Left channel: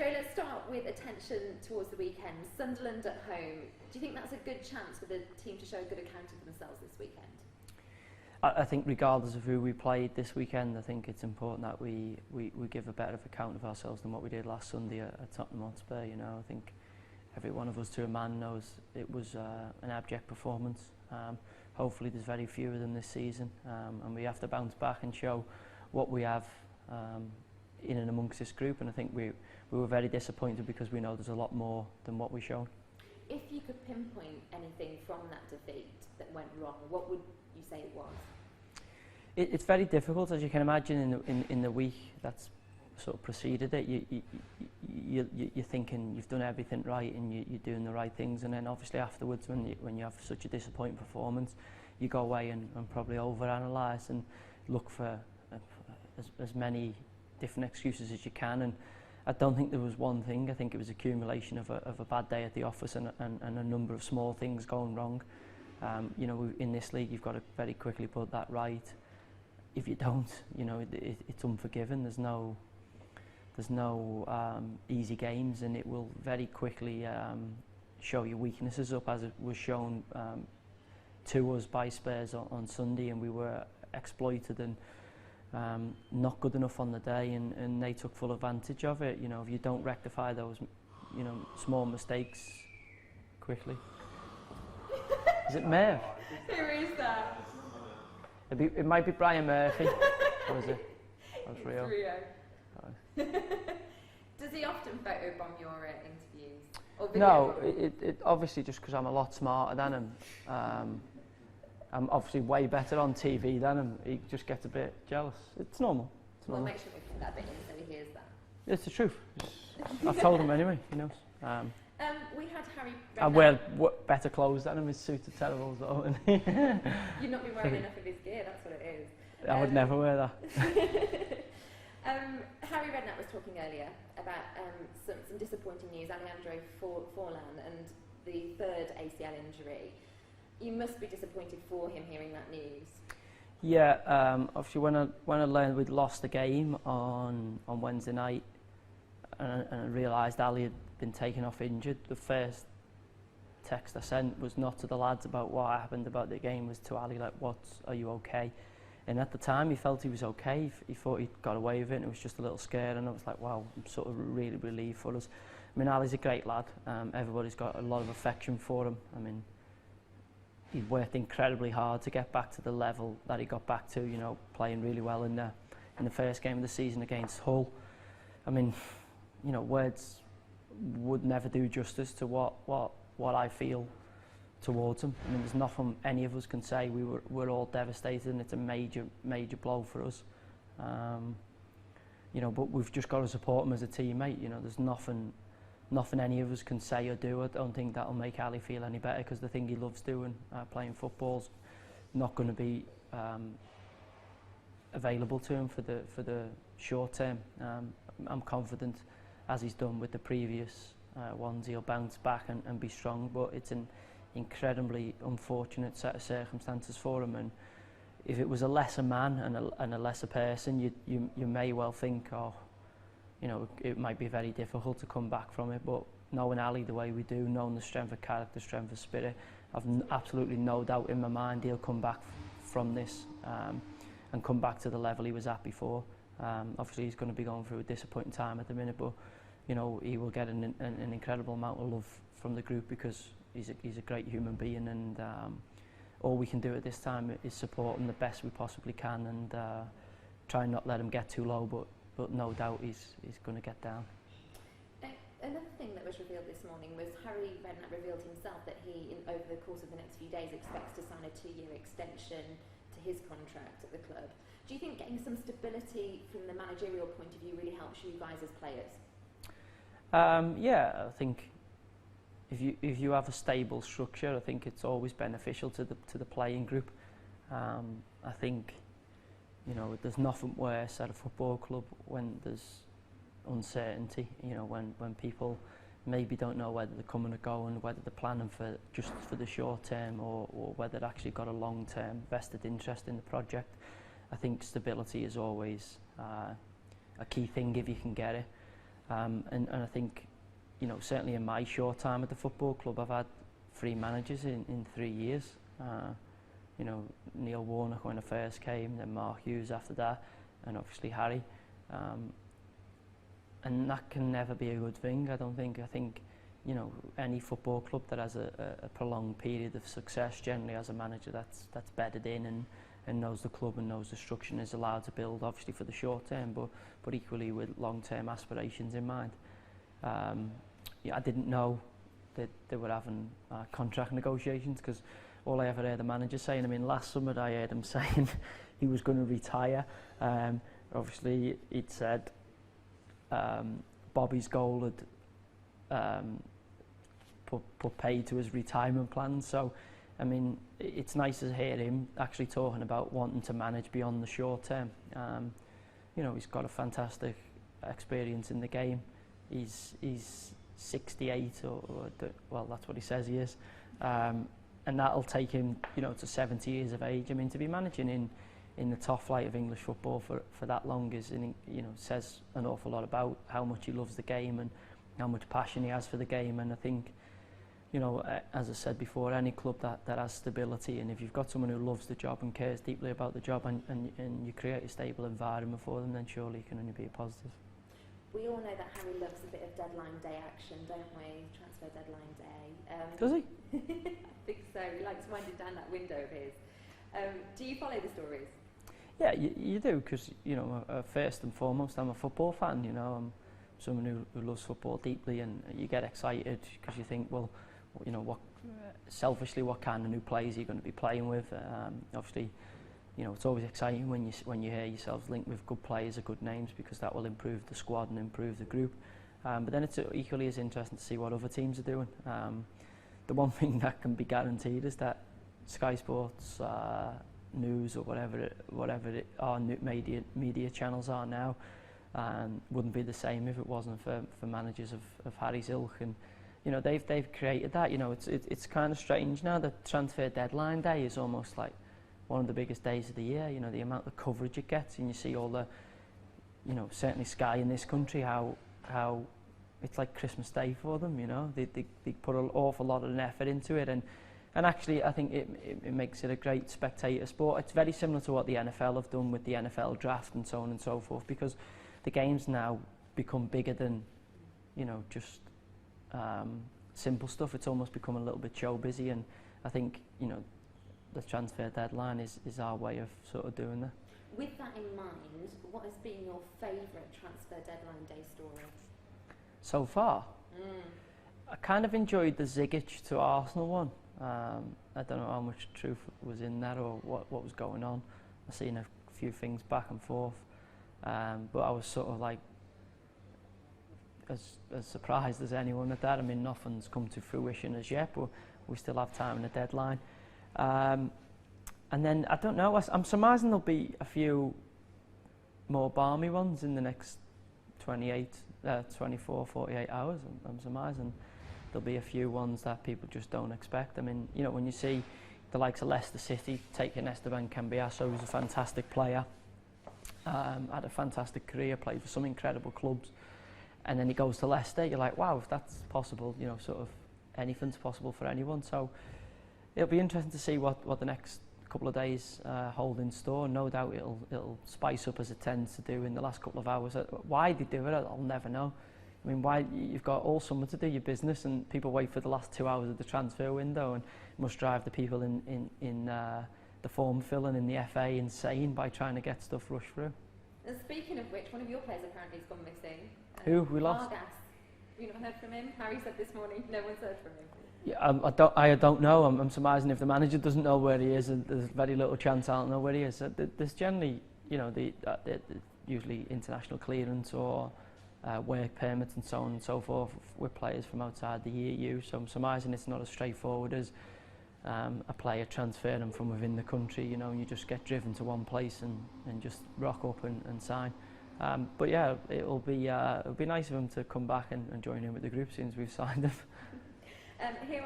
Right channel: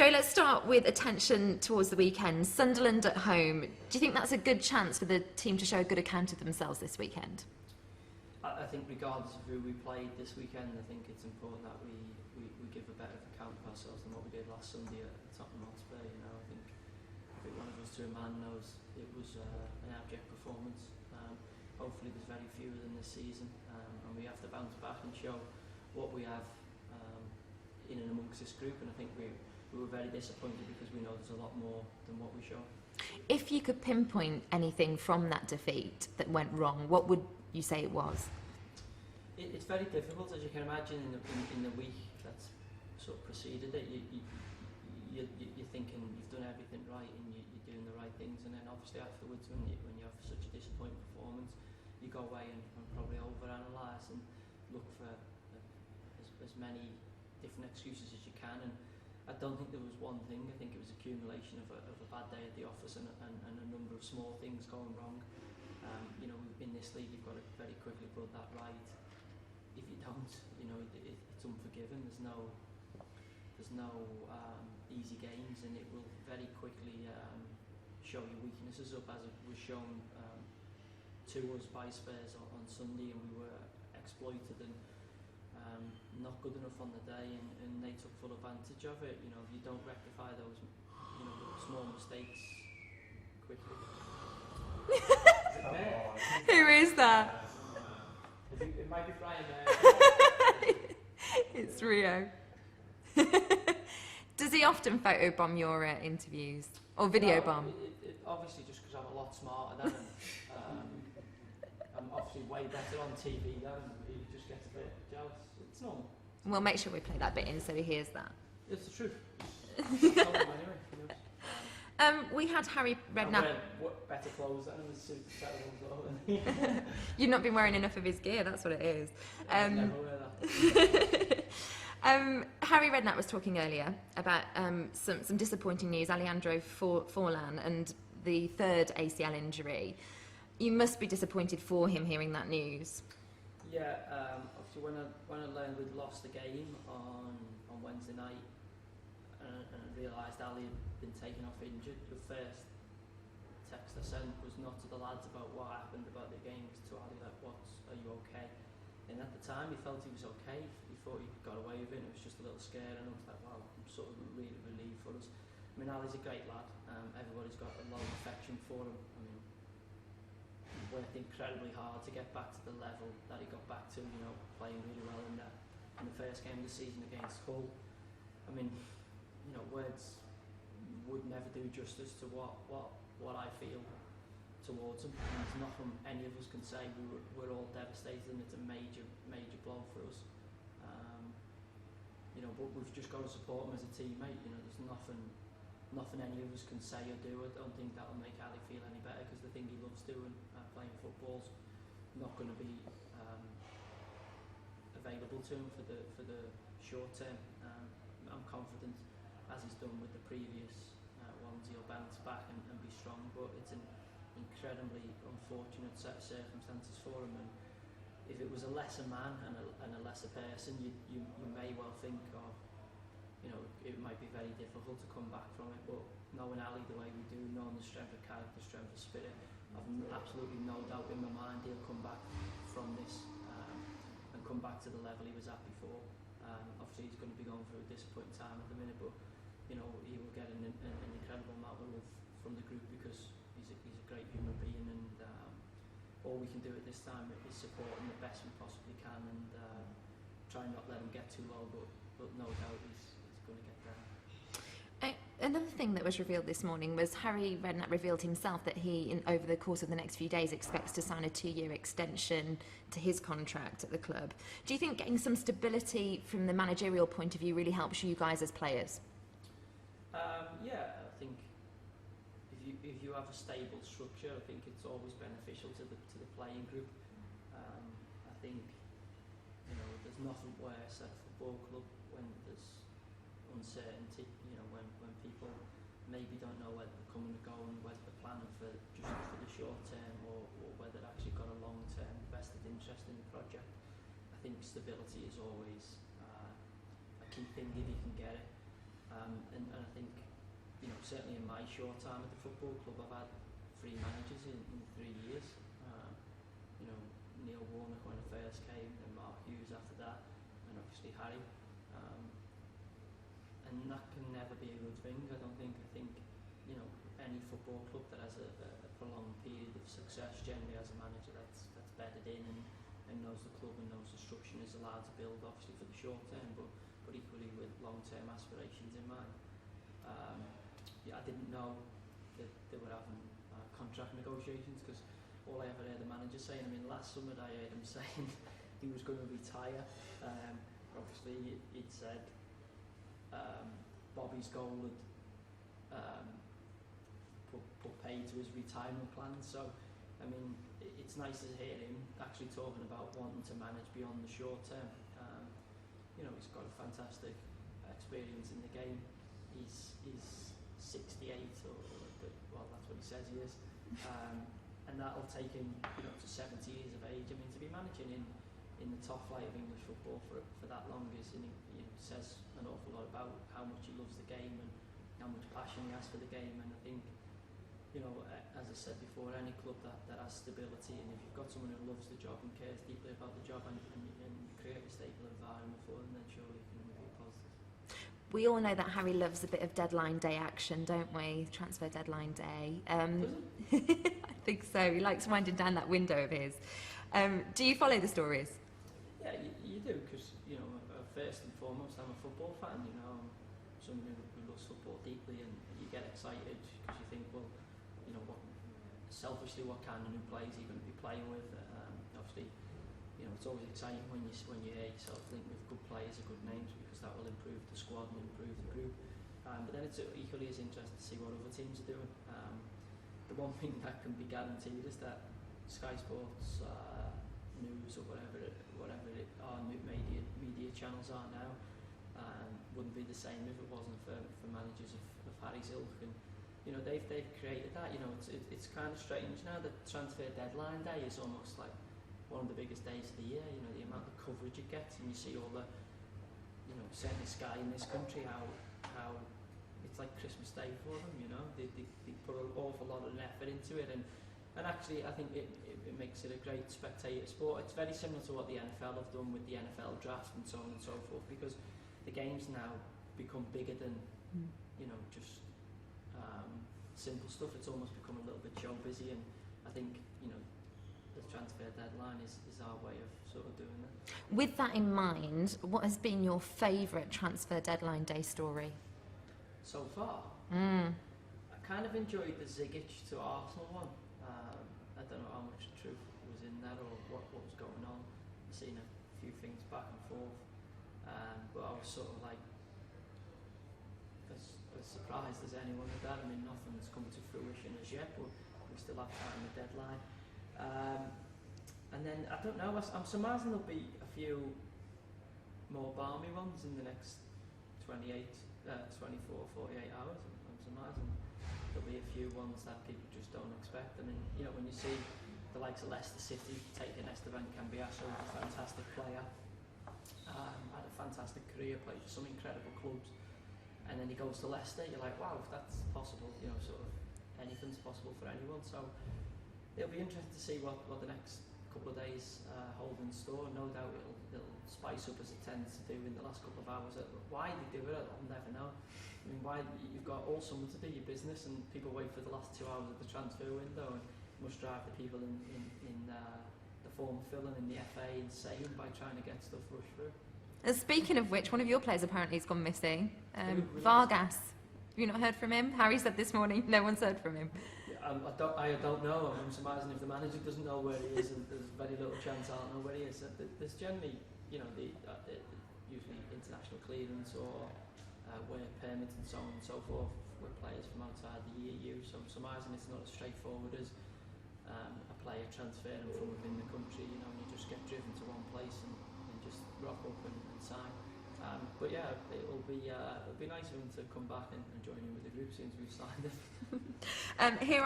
Joe, let's start with attention towards the weekend. Sunderland at home. Do you think that's a good chance for the team to show a good account of themselves this weekend? I think regardless of who we played this weekend, I think it's important that we give a better account of ourselves than what we did last Sunday at Tottenham Hotspur. You know, I think every one of us to a man knows it was an abject performance. Hopefully there's very few of them this season, and we have to bounce back and show what we have in and amongst this group. And I think we were very disappointed because we know there's a lot more than what we showed. If you could pinpoint anything from that defeat that went wrong, what would you say it was? It's very difficult, as you can imagine, in the week that's sort of preceded it. You're thinking you've done everything right and you're doing the right things, and then obviously afterwards, when you have such a disappointing performance, you go away and probably overanalyse and look for as many different excuses as you can. And I don't think there was one thing. I think it was accumulation of a bad day at the office and a number of small things going wrong. You know, in this league, you've got to very quickly put that right. If you don't, you know, it's unforgiving. There's no easy games, and it will very quickly show your weaknesses up, as it was shown to us by Spurs on Sunday, and we were exploited and not good enough on the day, and they took full advantage of it. You know, if you don't rectify those, you know, small mistakes quickly. Is it Merv? Who is that? It might be Brian Murphy. It's Rio. Does he often photobomb your interviews or video bomb? No, it obviously just because I'm a lot smarter than him. I'm obviously way better on TV than him. He just gets a bit jealous. It's normal. We'll make sure we play that bit in so he hears that. It's the truth. I've told him anyway, you know. We had Harry Redknapp. I wear better clothes than him. His suit is terrible as well. You've not been wearing enough of his gear, that's what it is. I would never wear that. Harry Redknapp was talking earlier about some disappointing news. Alejandro Forlan and the third ACL injury. You must be disappointed for him hearing that news. Yeah, obviously when I learned we'd lost the game on Wednesday night, and I realised Ali had been taken off injured, the first text I sent was not to the lads about what happened about the game, was to Ali, like, are you okay? And at the time he felt he was okay. He thought he'd got away with it, and it was just a little scared, and I was like, wow, I'm sort of really relieved for us. I mean, Ali's a great lad. Everybody's got a lot of affection for him. I mean, he worked incredibly hard to get back to the level that he got back to, you know, playing really well in the first game of the season against Hull. I mean, you know, words would never do justice to what I feel towards him. I mean, there's nothing any of us can say. We're all devastated, and it's a major blow for us. You know, but we've just got to support him as a teammate. You know, there's nothing any of us can say or do. I don't think that'll make Ali feel any better, because the thing he loves doing, playing football's not going to be available to him for the short term. I'm confident, as he's done with the previous ones, he'll bounce back and be strong, but it's an incredibly unfortunate set of circumstances for him. And if it was a lesser man and a lesser person, you may well think, oh, you know, it might be very difficult to come back from it. But knowing Ali the way we do, knowing the strength of character, strength of spirit, I've absolutely no doubt in my mind he'll come back from this and come back to the level he was at before. Obviously he's going to be going through a disappointing time at the minute, but you know, he will get an incredible amount of love from the group, because he's a great human being, and all we can do at this time is support him the best we possibly can, and try and not let him get too low, but no doubt he's going to get down. Another thing that was revealed this morning was Harry Redknapp revealed himself that he, over the course of the next few days, expects to sign a 2-year extension to his contract at the club. Do you think getting some stability from the managerial point of view really helps you guys as players? Yeah, I think if you have a stable structure, I think it's always beneficial to the playing group. I think, you know, there's nothing worse at a football club when there's uncertainty. You know, when people maybe don't know whether they're coming or going, whether they're planning just for the short term, or whether they've actually got a long-term vested interest in the project. I think stability is always a key thing if you can get it. And I think, you know, certainly in my short time at the football club, I've had 3 managers in 3 years. You know, Neil Warnock when I first came, then Mark Hughes after that, and obviously Harry. And that can never be a good thing, I don't think. I think, you know, any football club that has a prolonged period of success generally has a manager that's bedded in and knows the club and knows the structure and is allowed to build, obviously for the short term, but equally with long-term aspirations in mind. Yeah, I didn't know that they were having contract negotiations, because all I ever heard the manager saying, I mean, last summer I heard him saying he was going to retire. Obviously, he'd said Bobby's goal had put pay to his retirement plans. So, I mean, it's nice to hear him actually talking about wanting to manage beyond the short term. You know, he's got a fantastic experience in the game. He's 68, well, that's what he says he is. And that'll take him, you know, to 70 years of age. I mean, to be managing in the top flight of English football for that long is, you know, says an awful lot about how much he loves the game and how much passion he has for the game. And I think, you know, as I said before, any club that has stability, and if you've got someone who loves the job and cares deeply about the job, and you create a stable environment for them, then surely it can only be a positive. We all know that Harry loves a bit of deadline day action, don't we? Transfer deadline day. Does he? I think so. He likes winding down that window of his. Do you follow the stories? Yeah, you do, because, you know, first and foremost, I'm a football fan. You know, I'm someone who loves football deeply, and you get excited because you think, well, you know, selfishly, what kind of new players are you going to be playing with? Obviously, you know, it's always exciting when you hear yourselves linked with good players or good names, because that will improve the squad and improve the group. But then it's equally as interesting to see what other teams are doing. The one thing that can be guaranteed is that Sky Sports News or whatever our media channels are now wouldn't be the same if it wasn't for managers of Harry's ilk. And you know, they've created that. You know, it's kind of strange now that transfer deadline day is almost like one of the biggest days of the year. You know, the amount of coverage it gets, and you see all the, you know, certainly Sky in this country, how it's like Christmas Day for them. You know, they put an awful lot of effort into it, and actually I think it makes it a great spectator sport. It's very similar to what the NFL have done with the NFL draft and so on and so forth, because the games now become bigger than, you know, just simple stuff. It's almost become a little bit show busy, and I think, you know, the transfer deadline is our way of sort of doing that. With that in mind, what has been your favourite transfer deadline day story? So far? I kind of enjoyed the Zigic to Arsenal one. I don't know how much truth was in that or what was going on. I've seen a few things back and forth, but I was sort of like as surprised as anyone at that. I mean, nothing's come to fruition as yet, but we still have time in the deadline. And then, I don't know, I'm surmising there'll be a few more balmy ones in the next 24, 48 hours. I'm surmising there'll be a few ones that people just don't expect. I mean, you know, when you see the likes of Leicester City taking Esteban Cambiasso, who's a fantastic player, had a fantastic career, played for some incredible clubs, and then he goes to Leicester, you're like, wow, if that's possible, you know, sort of anything's possible for anyone. So it'll be interesting to see what the next couple of days hold in store. No doubt it'll spice up, as it tends to do in the last couple of hours. Why they do it, I'll never know. I mean, why you've got all summer to do your business, and people wait for the last 2 hours of the transfer window, and must drive the people in the form filling in the FA insane by trying to get stuff rushed through. And speaking of which, one of your players apparently has gone missing. Who? We lost? Vargas. Have you not heard from him? Harry said this morning no one's heard from him. Yeah, I don't know. I'm surmising if the manager doesn't know where he is, and there's very little chance I'll know where he is. There's generally, you know, usually international clearance or work permits and so on and so forth with players from outside the EU. So I'm surmising it's not as straightforward as a player transferring from within the country. You know, you just get driven to one place and just rock up and sign. But yeah, it'll be nice of him to come back and join in with the group since we've signed him. Here